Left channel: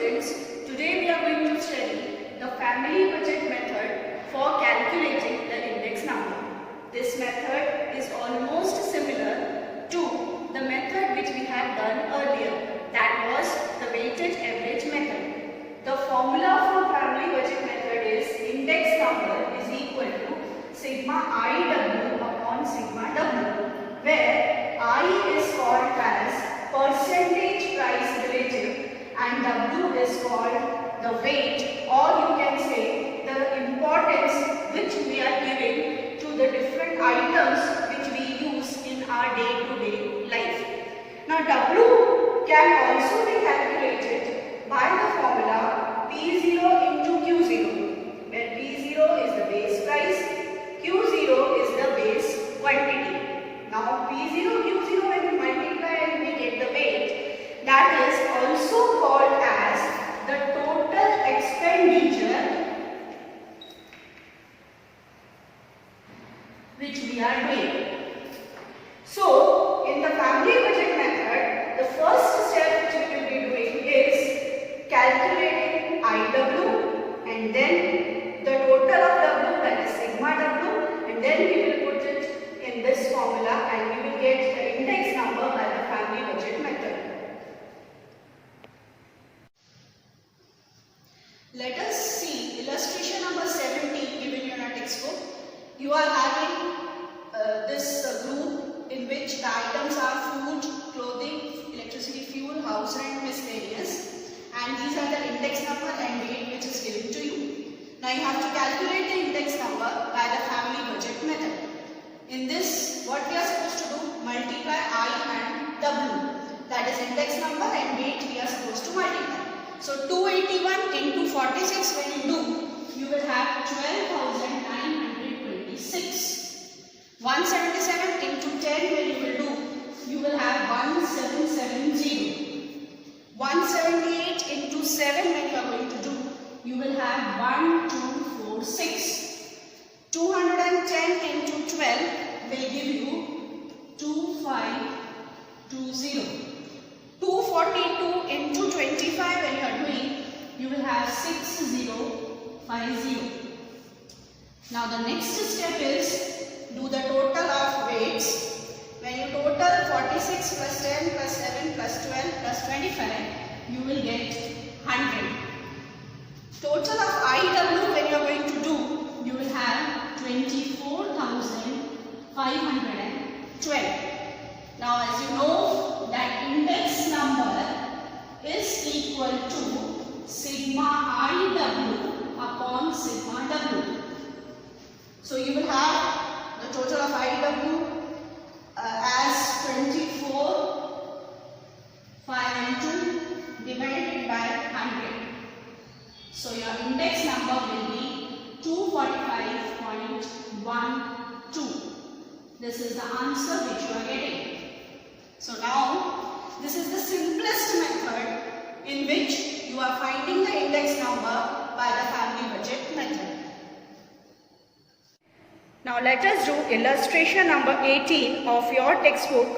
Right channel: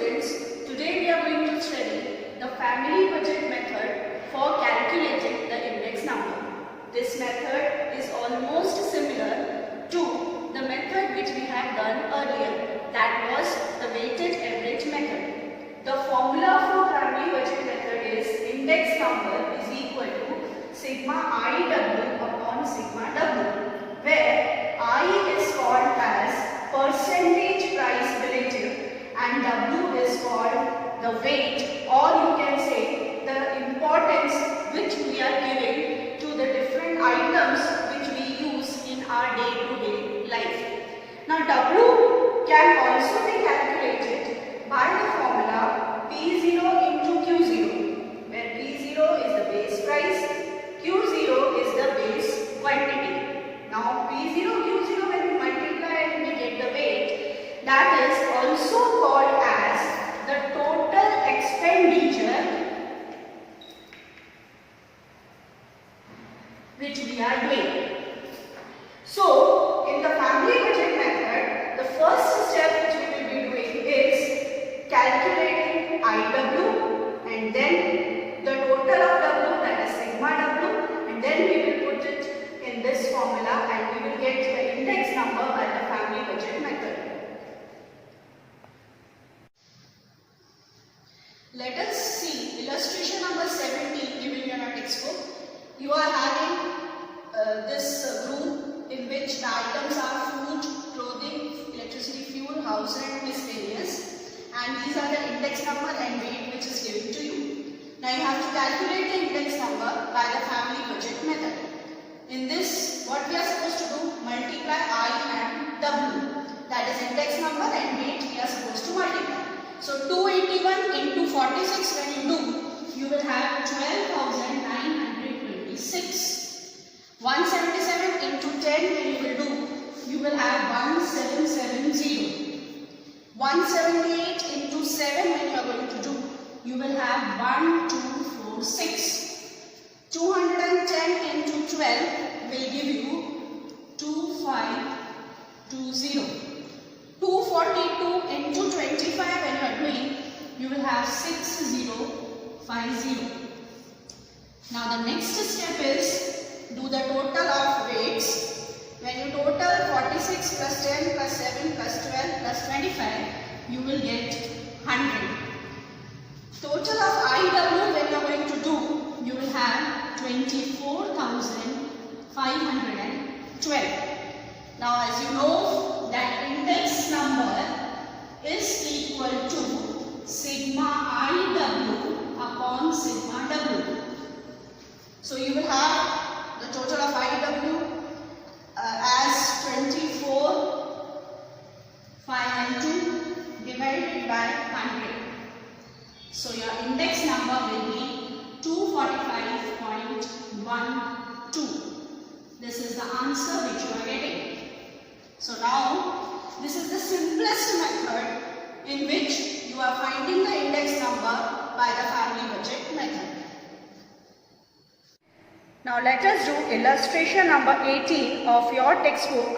students, today we are going to study the family budget method for calculating the index number. This method is almost similar to the method which we had done earlier, that was the weighted average method. The formula for family budget method is index number is equal to sigma IW upon sigma W, where I is called as percentage price relative and W is called the weight, or you can say the importance which we are giving to the different items which we use in our day-to-day life. Now W can also be calculated by the formula P0 into Q0, where P0 is the base price, Q0 is the base quantity. Now P0, Q0, when we multiply and we get the weight, that is also called as the total expenditure which we are doing. So, in the family budget method, the first step which we will be doing is calculating IW and then the total of W, that is sigma W, and then we will put it in this formula and we will get the index number by the family budget method. Let us see illustration number 17 given in our textbook. You are having this group in which the items are food, clothing, electricity, fuel, house rent, miscellaneous, and these are the index number and weight which is given to you. Now you have to calculate the index number by the family budget method. In this, what we are supposed to do? Multiply I and W. That is index number and weight we are supposed to multiply. So 281 into 46 when you do, you will have 12,926. 177 into 10 when you will do, you will have 1770. 178 into 7 when you are going to do, you will have 1246. 210 into 12 will give you 2520. 242 into 25 when you are doing, you will have 6050. Now the next step is do the total of weights. When you total 46 plus 10 plus 7 plus 12 plus 25, you will get 100. Total of IW when you are going to do, you will have 24,512. Now as you know that index number is equal to sigma IW upon sigma W. So you will have the total of IW as 24,502 divided by 100. So your index number will be 245.12. This is the answer which you are getting. So now, this is the simplest method in which you are finding the index number by the family budget method. Now let us do illustration number 18 of your textbook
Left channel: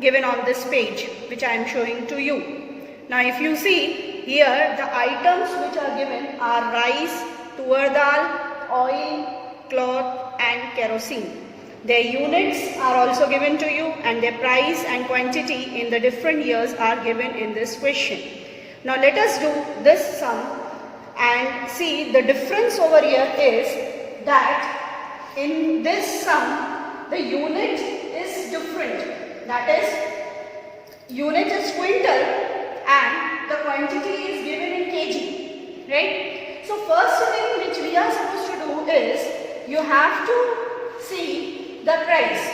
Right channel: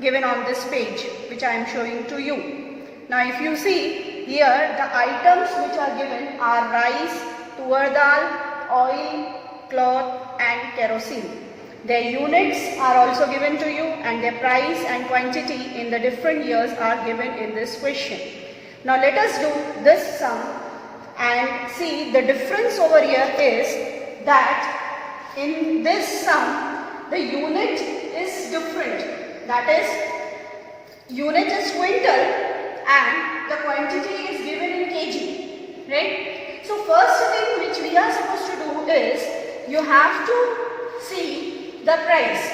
given on this page, which I am showing to you. Now if you see here, the items which are given are rice, tur dal, oil, cloth and kerosene. Their units are also given to you and their price and quantity in the different years are given in this question. Now let us do this sum and see the difference over here is that in this sum the unit is different. That is, unit is quintal and the quantity is given in kg. Right? So first thing which we are supposed to do is you have to see the price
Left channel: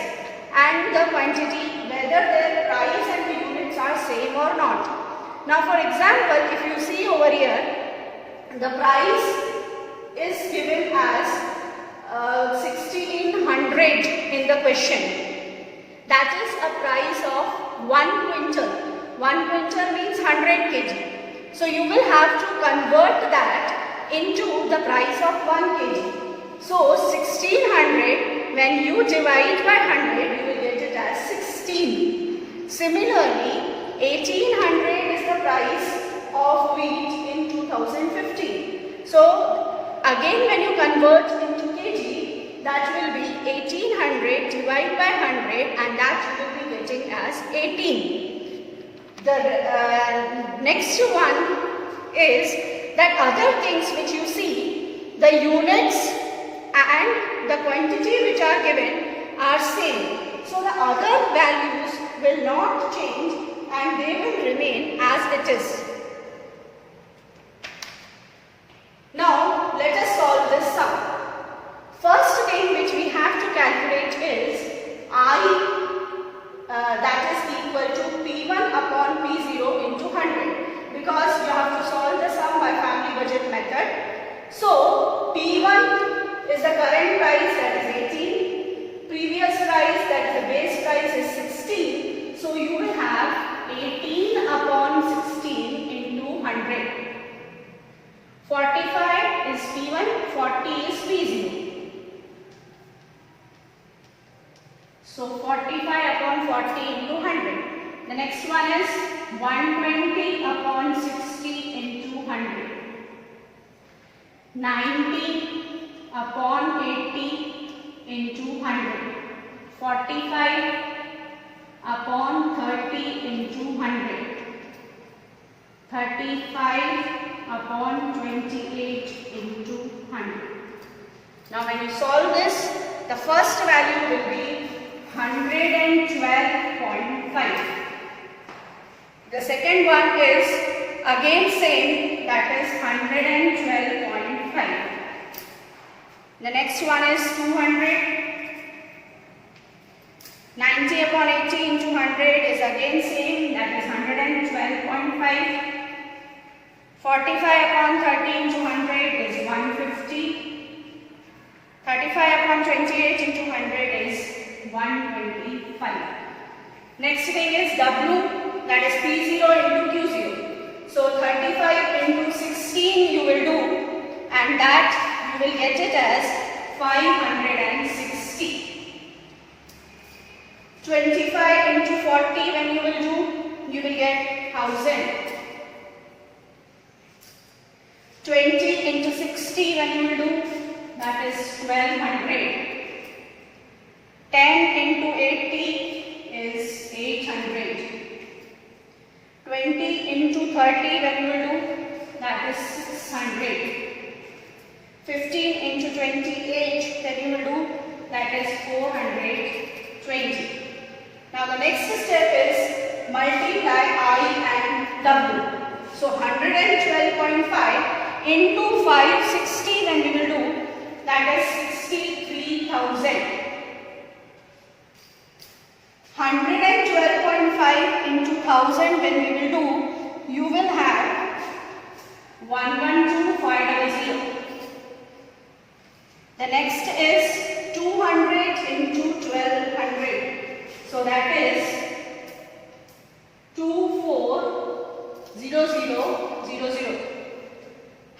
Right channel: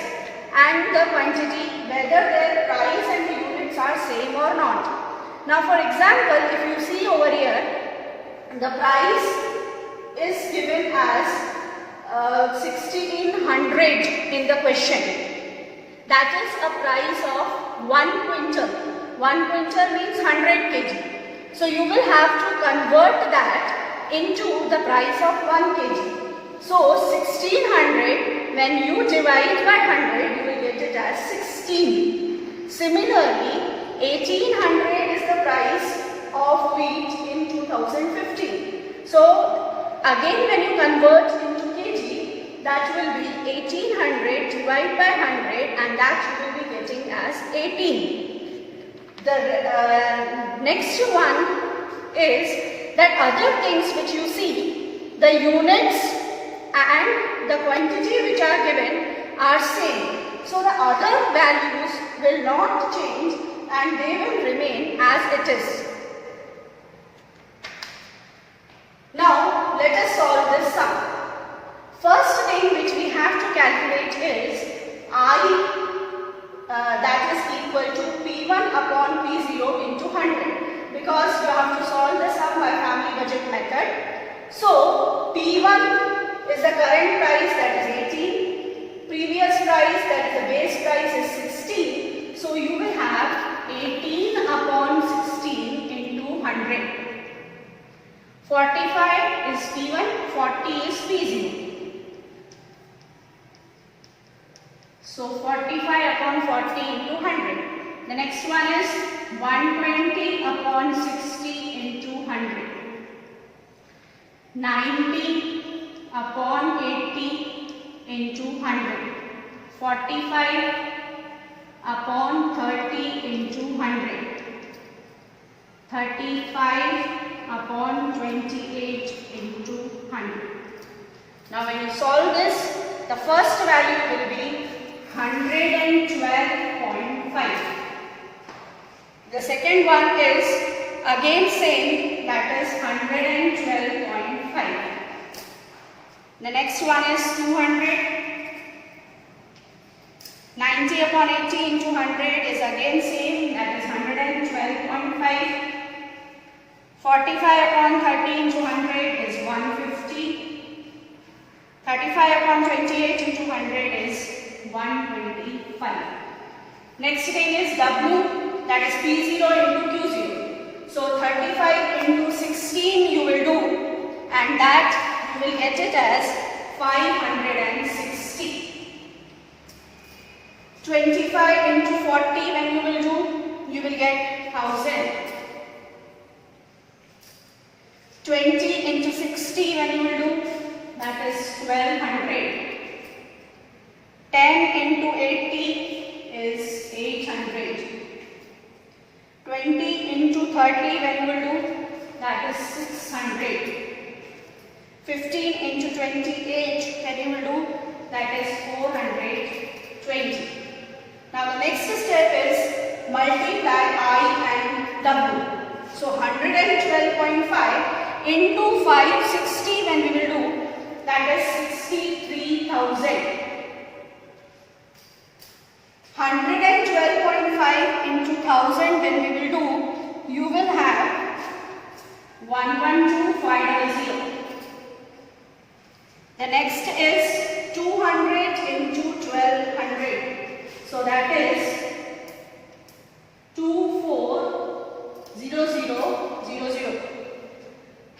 and the quantity, whether their price and the units are same or not. Now for example, if you see over here, the price is given as 1600 in the question. That is a price of 1 quintal. 1 quintal means 100 kg. So you will have to convert that into the price of 1 kg. So 1600, when you divide by 100, you will get it as 16. Similarly, 1800 is the price of wheat in 2015. So again when you convert into kg, that will be 1800 divided by 100 and that you will be getting as 18. The next one is that other things which you see, the units and the quantity which are given are same. So the other values will not change and they will remain as it is. Now let us solve this sum. First thing which we have to calculate is I that is equal to P1 upon P0 into 100, because you have to solve the sum by family budget method. So P1 is the current price, that is 18, previous price, that is the base price, is 16. So you will have 18 upon 16 into 100. 45 is P1, 40 is P0. So 45 upon 40 into 100. The next one is 120 upon 60 into 100. 90 upon 80 into 100. 45 upon 30 into 100. 35 upon 28 into 100. Now when you solve this, the first value will be 112.5. The second one is again same, that is 112.5. The next one is 200. 90 upon 80 into 100 is again same, that is 112.5. 45 upon 30 into 100 is 150. 35 upon 28 into 100 is 125. Next thing is W, that is P0 into Q0. So 35 into 16 you will do, and that you will get it as 560. 25 into 40 when you will do, you will get 1000. 20 into 60 when you will do, that is 1200. 10 into 80 is 800. 20 into 30 when you will do, that is 600. 15 into 28 when you will do, that is 420. Now the next step is multiply I and W. So 112.5 into 560 when you will do, that is 63,000. 112.5 into 1000 when we will do, you will have 112,500. The next is 200 into 1200. So that is 240000.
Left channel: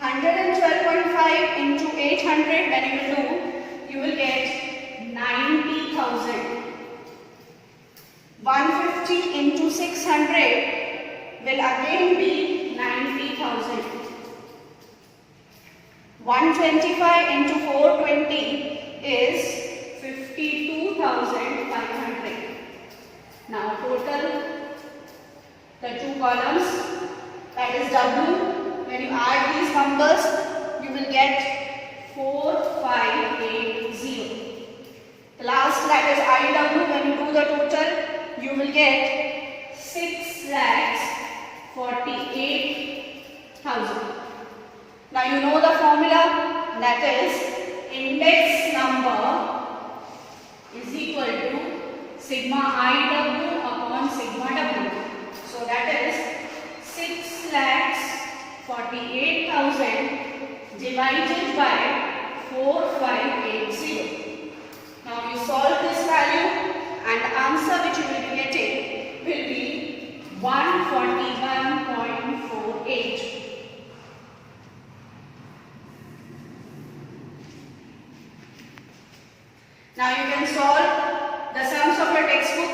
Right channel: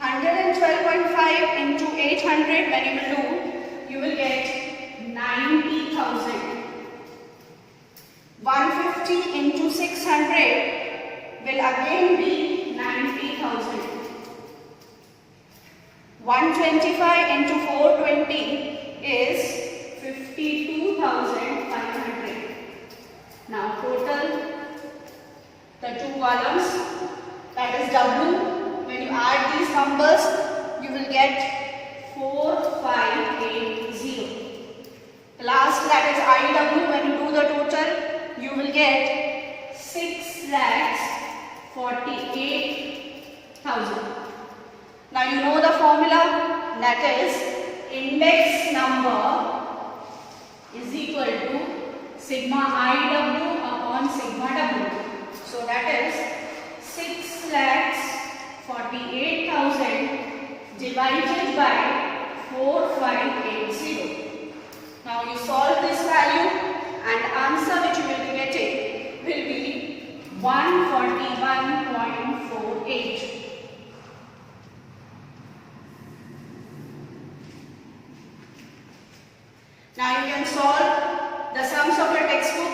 112.5 into 800 when you will do, you will get 90,000. 150 into 600 will again be 90,000. 125 into 420 is 52,500. Now total the two columns, that is W. When you add these numbers, you will get 4580. The last, that is IW. When you do the total, you will get 6,48,000. Now you know the formula, that is index number is equal to sigma IW upon sigma W. So that is 6,48,000 divided by 4580. Now you solve this value and the answer which you will be getting will be 141.48. Now you can solve the sums of your textbook